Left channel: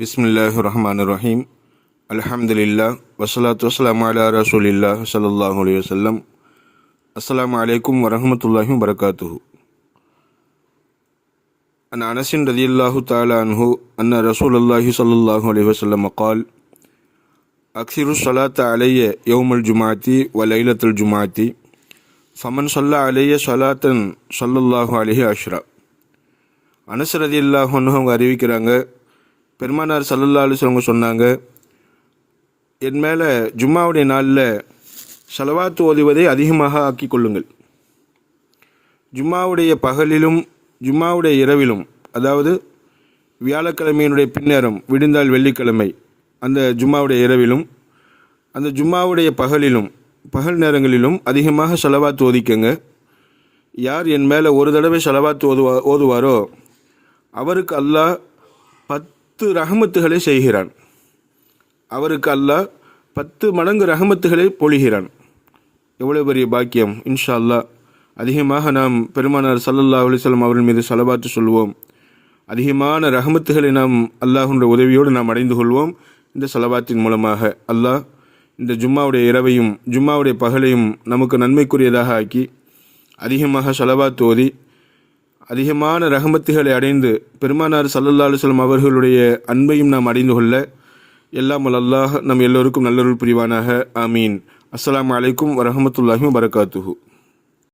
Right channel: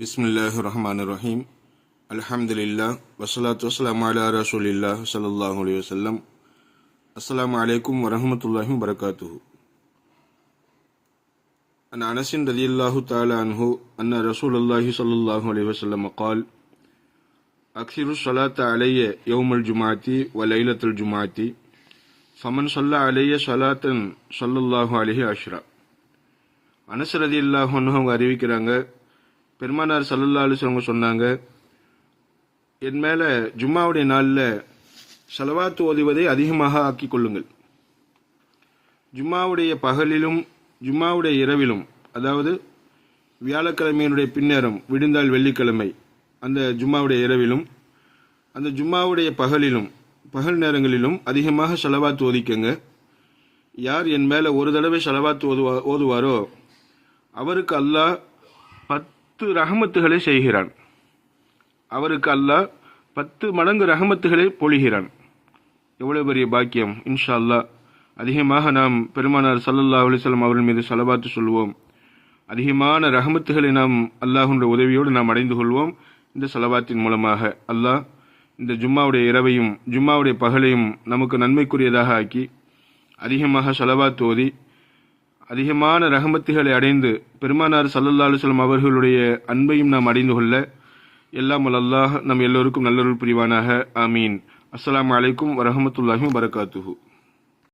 பிஸ்மில்லாஹிர்ரஹ்மானிர்ரஹீம். அல்ஹம்துலில்லாஹ் வஸ்ஸலாத்து வஸ்ஸலாமு அலா ரசூலில்லாஹ் ஸல்லல்லாஹு அலைஹி வஸல்லம். அஸ்ஸலாமு அலைக்கும் வரஹ்மத்துல்லாஹி வபரகாத்துஹு. அன் அனஸின் ரலியல்லாஹு தஆலா அன்ஹு அன்ன ரசூலுல்லாஹி ஸல்லல்லாஹு அலைஹி வஸல்லம் قال அக்ஸிரு ஸலாத்த அலைய யௌமல் ஜும்ஆத்தி வ லைலத்துல் ஜும்ஆத்தி ஃபமன் ஸல்லா அலைய ஸலாத்தன் ஸல்லல்லாஹு அலைஹி அஷ்ரா. அனஸ் ரலியல்லாஹு அன்ஹு அவங்க அறிவிக்கிறாங்க, பெருமானார் ஸல்லல்லாஹு அலைஹி வஸல்லம் சொன்னாங்க, என் மேலே ஜும்மாவுடைய நாளில் ஸலவாத் ஓதுவதை அதிகமாக ஆக்கி கொள்ளுங்கள். ஜும்மாவுடைய பகலிலும் ஜும்மாவுடைய இரவிலும், அதாவது வியாழக்கிழமையினுடைய பின்னேரம் விடிந்தால் வெள்ளிக்கிழமை அந்த ஜும்மாவுடைய இரவிலும் அந்த ஜும்மாவுடைய பகல் நேரங்களிலும் அதிகமாக ஸலவாத் ஓதிக்கங்க. யார் என் மேலே ஒரு தடவை ஸலவாத் ஓதுவாரோ அவருக்கு அல்லாஹ் 10 ரஹமத்துகளை செய்கிறான். அவருக்கு அல்லாஹ் 10 மடங்கு ரஹமத்துகளை பொழிகிறான். எவ்வளோ பெரிய பாக்கியம்! இன்ஷா அல்லாஹ் அதிகமாக நாம் பெருமானார் ஸல்லல்லாஹு அலைஹி வஸல்லம் அவர்கள் மீது ஸலவாத்து சொல்வோம். அதிகமான ரஹமத்துகளை நாம் அல்லாஹ்வுடைய உதவியோடு நாம் அடைந்து கொள்வோம். இந்த ஸலவாத்தின் மூலமாக அல்லாஹ் இந்த ஜும்மாவுடைய இரவையும் ஜும்மாவுடைய பகலையும் நமக்கு நன்மைக்குரியதாக ஆக்கி அதிகமாக ஸலவாத் ஓதி அதிகமான ரஹமத்துகளை அடைந்து பெருமானார் ஸல்லல்லாஹு அலைஹி வஸல்லம் அவர்களுடைய அன்பையும் நாம் அடைந்து கொள்ள எல்லாம் அல்லாஹ் நம் எல்லோருக்கும் நல்லருள் புரிவானாக. ஆமீன். அஸ்ஸலாமு அலைக்கும் வரஹ்மத்துல்லாஹி வபரகாத்துஹு.